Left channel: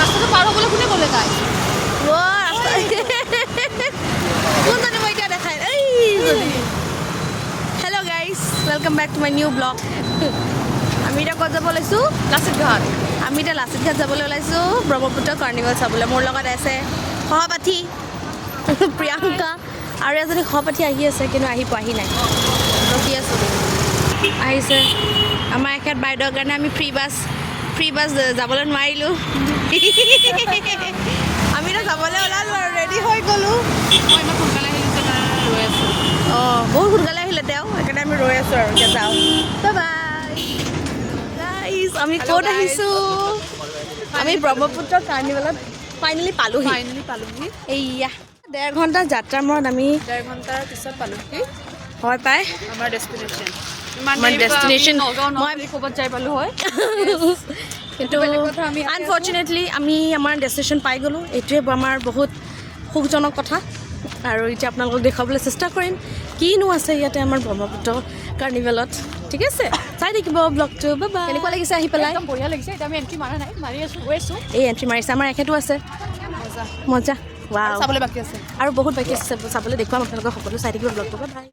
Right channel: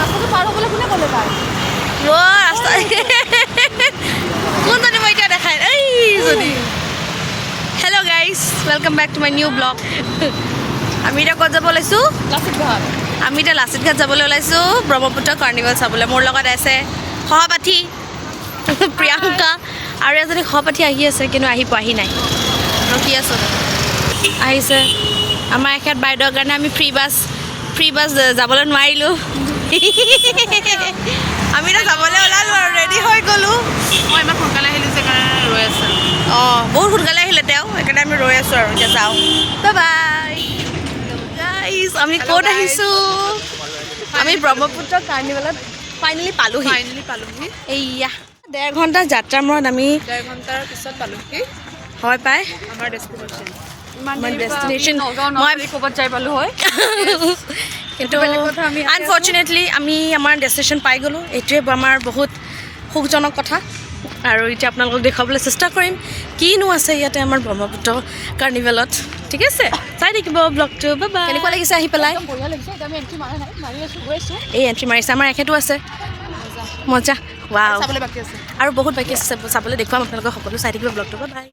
ৰাস্তাটো পাৰ হ'বলৈ কোনে ক'লে তাই ৰাস্তা কোনজনী মই এতিয়া দেখাই এই যদি hello' guys welcome back to my new blog আমি এতিয়া ক'ত যাব ওলাইছোঁ লাচিত ঘাট আমি এতিয়া লাচিত ঘাট যাবলৈ ওলাইছোঁ ব্ৰহ্মপুত্ৰ কাৰ্নিভেল চাবলৈ মোৰ লগত আছে সহপাঠী প্ৰিয়ংকা আৰু এজনী সহপাঠী আহি আছে কিন্তু আহি পোৱাহি নাই ৰখি আছোঁ আহিছে আমাৰ এখেত বাইদেউৰ কাৰণে আমি ফ্ৰী বাছ যাবলৈ নোৱাৰিলোঁ আমি এতিয়া যাবলৈ ওলালোঁ আৰু ৰেডি হৈ গ'লোঁ মই ইমান সোনকালে আহিলোঁ যে কাৰণে ৰৈ আছোঁ অঁ বহুত সোনকালে আহিলে তেওঁ সেইকাৰণে আমি ৰৈ আছোঁ আৰু এতিয়া যাওঁ বাই গাইজ আমি ক'ত আহিছোঁ আমি ব্ৰহ্মপুত্ৰ কাৰ্নিভেলত ফাইনেলি পালোঁহি এইয়া 1.5 ঘণ্টা যাত্ৰাৰ মূৰত আমি 1.5 ঘণ্টাৰ পিছত পালোঁহি হয় পাই আমাৰ ডেষ্টিনেশ্যন আমাৰ ডেষ্টিনেশ্যন মই ক'ৰবাত যাই পালোঁ হয় কিন্তু আনফৰ্চুনেটলি আমি আমাৰ ডেষ্টিনেশ্যন পাই গ'লোঁ এইটোৱে আমাৰ বহুত সুখজনক কথা আৰু এতিয়া আপোনালোকক দেখুৱাবলৈ চেষ্টা কৰিম কিনো আছে ইয়াতে আমাৰ ব্ৰহ্মপুত্ৰ কাৰ্নিভেলত ঠিক আছে চাই থাকিব ব্লগটো বাবা কেনেকুৱা লাগিছে আহি পেলাই বঢ়িয়া লাগিছে এতিয়া আমি এণ্ট্ৰি মাৰা নাই মাৰি আছোঁ গৈ আছোঁ এই এণ্ট্ৰি মাৰিছে আমাৰ এখেতো আছে মজা ৱাও চাবলৈ বাকী আছে আৰু বহুত বাকী আছে চাবলৈ দেখুৱাম আপোনালোকক সকলো চাই থাকিব ব্লগটো বাই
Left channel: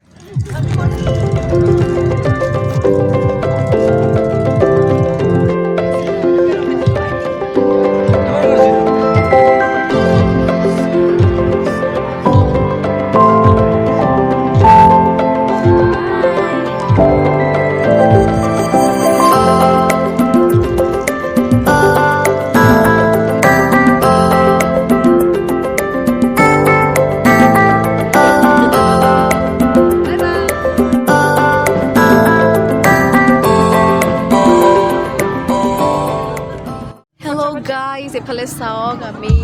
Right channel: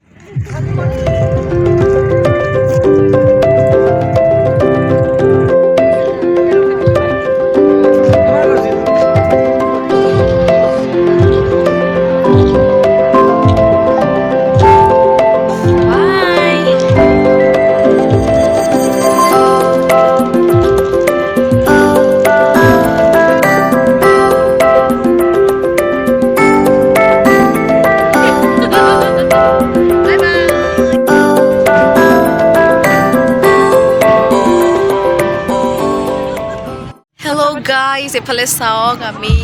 গাইজ এফালে চাওক আমি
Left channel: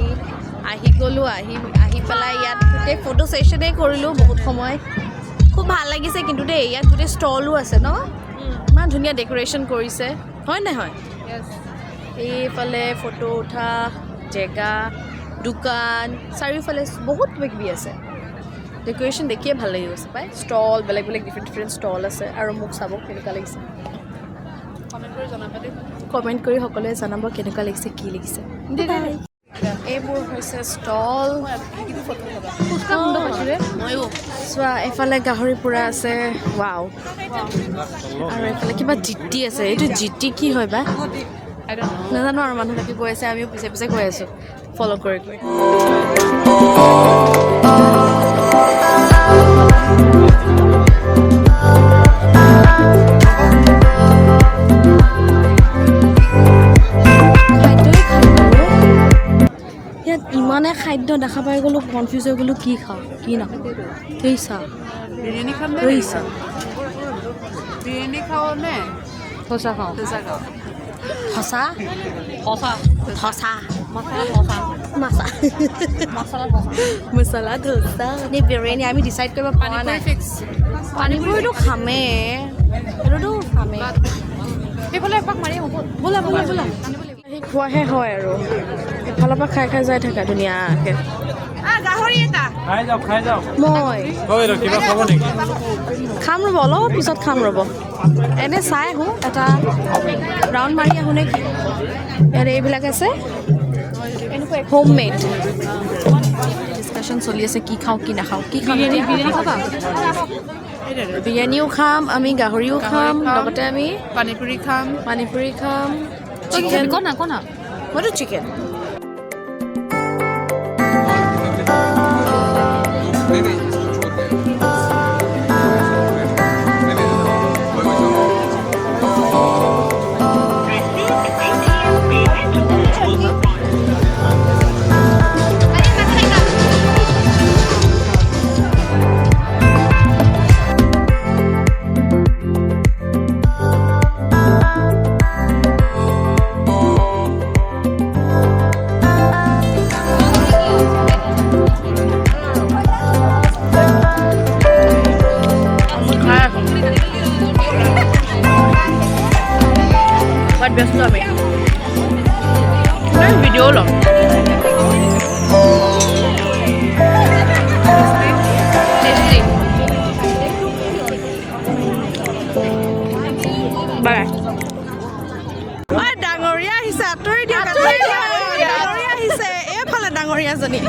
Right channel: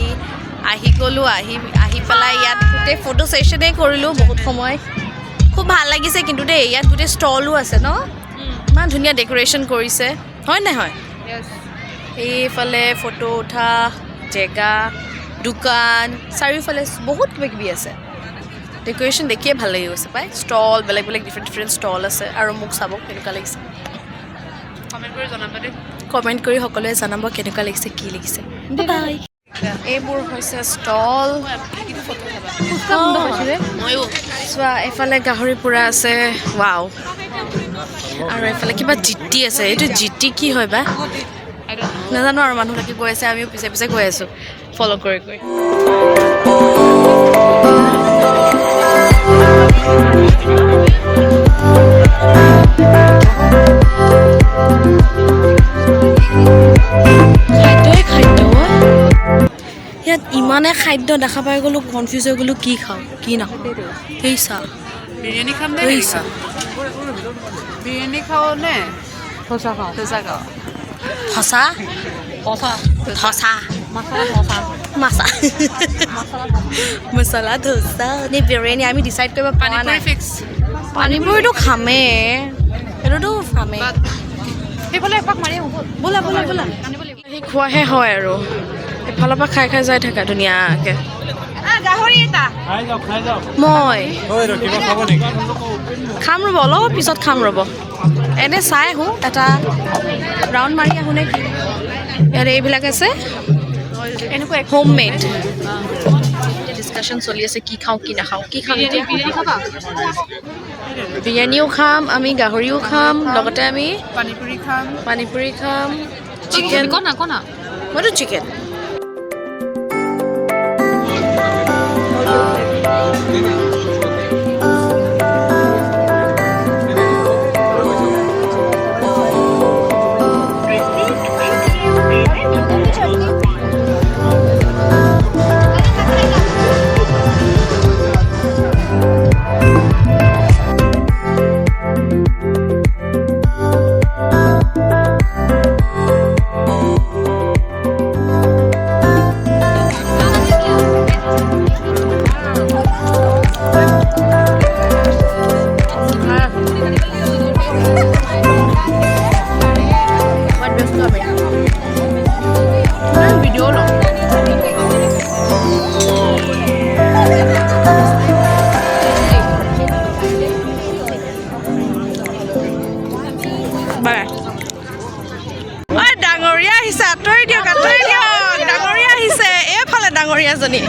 আহি গ'লোঁ আহি পেলাই ইয়াত গোটেই ফটো ছেশ্যনেই কৰিলোঁ বহুত সময় খুব ভাল লাগিছে কিন্তু দেই ইয়াত গোটেই ষ্টলো আছে ন ইমান ধুনীয়া ডেক'ৰেশ্যন কৰিছে হয় নহয় এইফালে ফটো উঠা জেগা দোকান চাৰিওফালে বহুত কিবা কিবি আছে ডেক'ৰেশ্যন দেখিয়ে ভাল লাগি গৈছে পাই ষ্টল বেলেগ বেলেগ ডিফাৰেণ্ট ষ্টল আছে আৰু মোক চাব কেনেকুৱা লাগিছে কমেণ্ট কৰি জনাবা দেই কমেণ্ট কৰি সকলোৱে জনাব কেনেকুৱা লাগিছে কি লাগিছে বাই এইবোৰ হৈছে ষ্টল চোৱা এইফালে গাহৰি পোৰা আছে ৱাও আৰু এইফালে কিবা জিটি আছে এইটো জিটি কি হয় বা নাজানো আৰু মানুহবিলাকে গৈ আছে আমিও পিছে পিছে গৈ আছোঁ ফ'ল' কৰি কৰি ইয়াত ইমানে খাদ্য দেখা পাই গ'লোঁ কনফিউজ হৈ গ'লোঁ কি খাওঁ কি নাখাওঁ এই চাহ বিৰিয়ানী খাম নে এই চাহ বিৰিয়ানী খাওঁ নে ধচা খাওঁ ধচা খাওঁ ধচা ধচা মাছা মছলা ধচা নে বিৰিয়ানী আমি ডিচাইড কৰিব পৰা নাই ফিক্স পানীপুৰিটো খামেই সেইটোতো খামেই সেইফালে এপাক মাৰি হ'ব ব'লা ব'লা ব'লা সেই খোৱাহে হয় আৰু এফালৰ পৰা খাই খাই যাই থাকা ধুনীয়াকৈ মই খাম ৰ'ব অলপ পিছত খাম ৰ'ব এনে চাই আহোঁ এটা ৰাউণ্ড মাৰি আহোঁ নে কি ইয়াত এইবিলাক আছে এনেকুৱা হোম মেড ডিছকাশ্যন চলি আছে কি খাওঁ কি নাখাওঁ কি খাম এতিয়া বিৰিয়ানীও খাম আমি গাহৰিও খাম লগতে আমি পানীপুৰি খাম চিকেন মইতো চিকেন ব্যস্ত আমি ভিডিও ল'ম বাই ঐ ডাঙৰীয়া আহিছে আঁতৰি দিয়ক ডাঙৰীয়া আহিছে এইফালে ডাঙৰীয়াজনী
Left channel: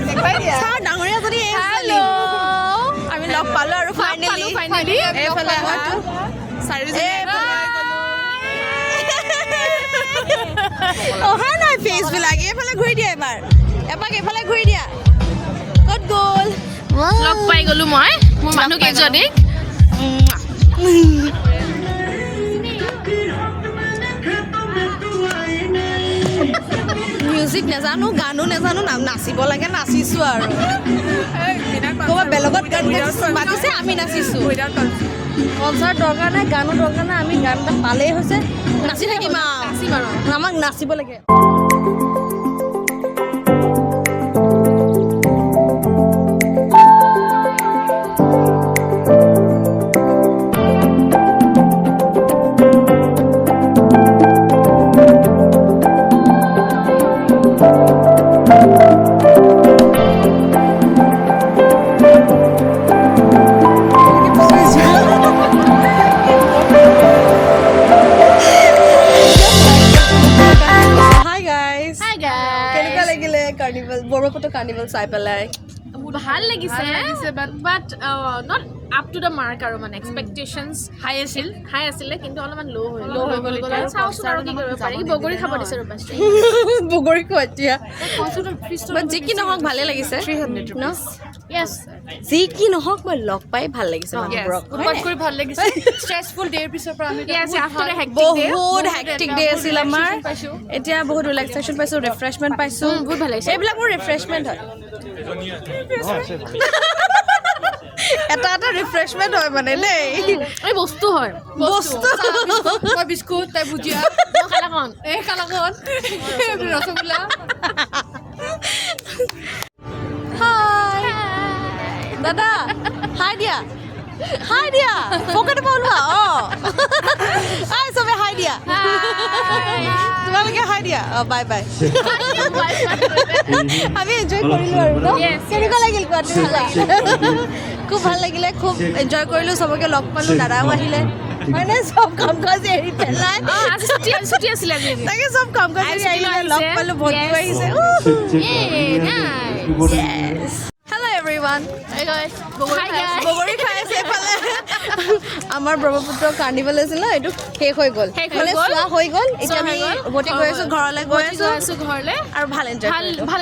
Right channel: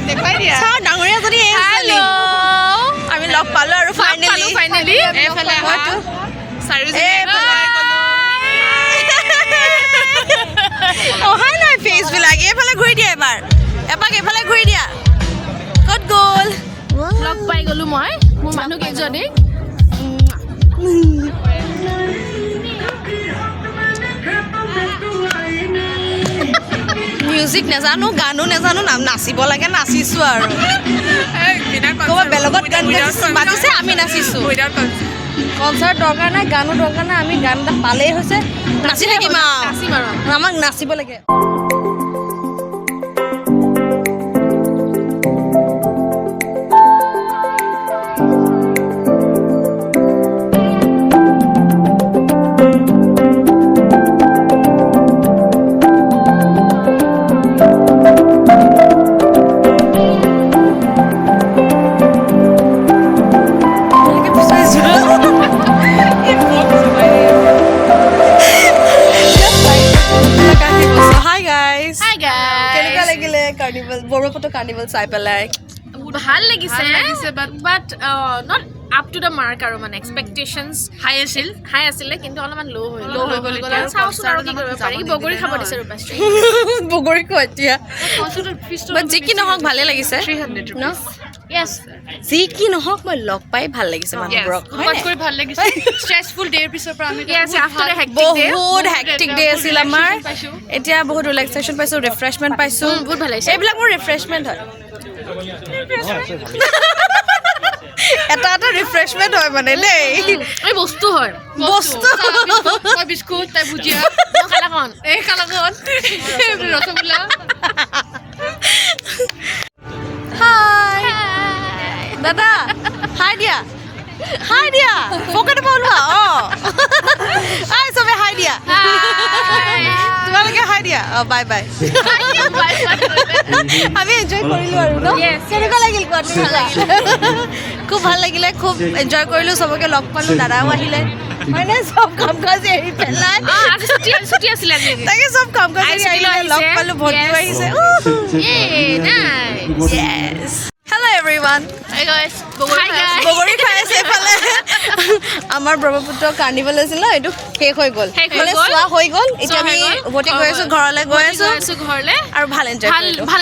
চাওঁ ডাঙৰীয়াজনী হেল্ল' আমি লগ পালোঁ আৰু ফাইনেলি এইফালে হয়তো অহাই নাই ফেচবিলাক এইফালে ঘূৰি দিয়া এপাক এইফালে ঘূৰি দিয়া ক'ত গ'ল লগ পাই গ'লো মই মোৰ মানুহ কেইজনীক মিউজিক নাজানো গানো নাজানো নাচিব লাগে নাচিছোঁ আৰু ক'ৰবাত বেলেগত গান বাজিছে আমি নাচিছোঁ কনচাৰ্ট দৰকাৰ নাই গানো দৰকাৰ নাই আমি গান এটা পালেই হৈছে নাচি থাকিম আৰু আমাক নাচিব লাগে কাৰ্নিভেল বৰপেটা কাৰ্নিভেল চাই পেলাই ভাল লাগিছে but not up to the mark আৰু মানে এক্সপেক্টেশ্যনছ হাই আছিলে কিন্তু অলপমান ল' হৈ গ'ল চাওঁচোন আৰু কি কৰিব পাৰি বগৰী খাব দিছে ৰ'বা বগৰী খোৱা এতিয়া বাট যি কি নহওক ভালে লাগিছে ন য়েছ যি কি নহওক মই লগ পাই ভাল লাগিছে মানুহবোৰক ভাল লাগিছে ষ্ট্ৰেছফুল ডেৰ পিছৰ পৰা আমি য়েছ আফটাৰ দ্য বহুত হেক্টিক ডে আছিল আমাৰ এতিয়া বহুত ৰিলেক্সেশ্যন পাইছোঁ ৰিফ্ৰেছমেণ্ট পাইছোঁ বহুত ভাল লাগিছে এইবিলাক মোৰ ৰিফ্ৰেছমেণ্ট হয় এটা ৰিফ্ৰেছমেণ্ট হয় মানে দেই এই বস্তু হয় তাই বিস্কুট তাই ভুজিয়া কালাকন ৰসগোল্লা হাই দাদা হাই দিয়া পকেটৰ পৰা ওলোৱা হাই চবে হাই দিয়া তোমালোকে হাই দিয়া বাই বাই আমি এনজয় কৰিলোঁ আৰু ন কেনেকুৱা লাগিল কোৱাটো খুব ভাল লাগিলে খুব এনজয় কৰিলোঁ চবকে লগ পালোঁ দাদাও আহিলে মানে চব কাম কাজ এৰি পেলাই তাকে চব কাম কাজ এৰি আহিলে লগ পালোঁ ভণ্টিও আহিছে হেল্ল' এভৰিৱান বগৰী খাই আছে এইফালে আমাৰ ব্ৰহ্মপুত্ৰ কাৰ্নিভেল আছিল ন এইটো শেষ হৈ গ'ল মানে চোৱা হৈ গ'ল এতিয়া আমি উভতি গৈ আছোঁ ঘৰলৈ গৈ আছোঁ ঘৰলৈ আৰু ভাল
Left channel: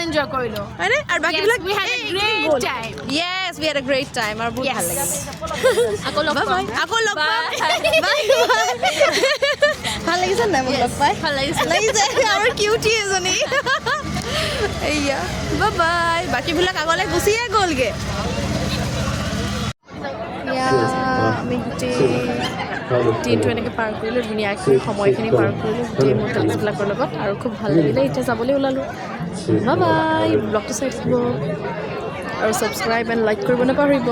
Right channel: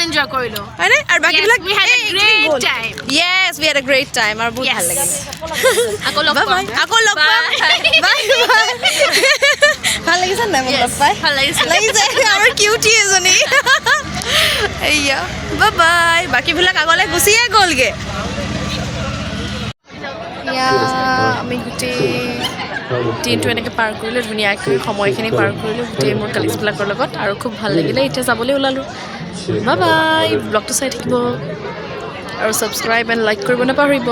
এনজয় কৰিলোঁ হয়নে আৰু বাকীবিলাক Yes, we had a great time আৰু বহুত ভাল লাগিল আকৌ লগ পাম ভাল লাগিছে নাই মোক লগ পাই ভাল লাগিছে আমাৰ কিউটি এজনী এয়া বাই বাকীবিলাক আগলৈ গুচিয়ে গ'লগৈ আমি গোটেই দিনটো এনেকৈ পাৰ কৰিলোঁ ধুনীয়াকৈ সময়খিনি পাৰ কৰিলোঁ গোটেই মোৰ কালিজবিলাকৰ লগত আৰু খুব ভাল লাগিলে এতিয়া যাবলৈ ওলালোঁ বাই ব্লগটো চাই থাকিব আৰু ছাবস্ক্ৰাইব এণ্ড লাইক কৰিব নাপাহৰিব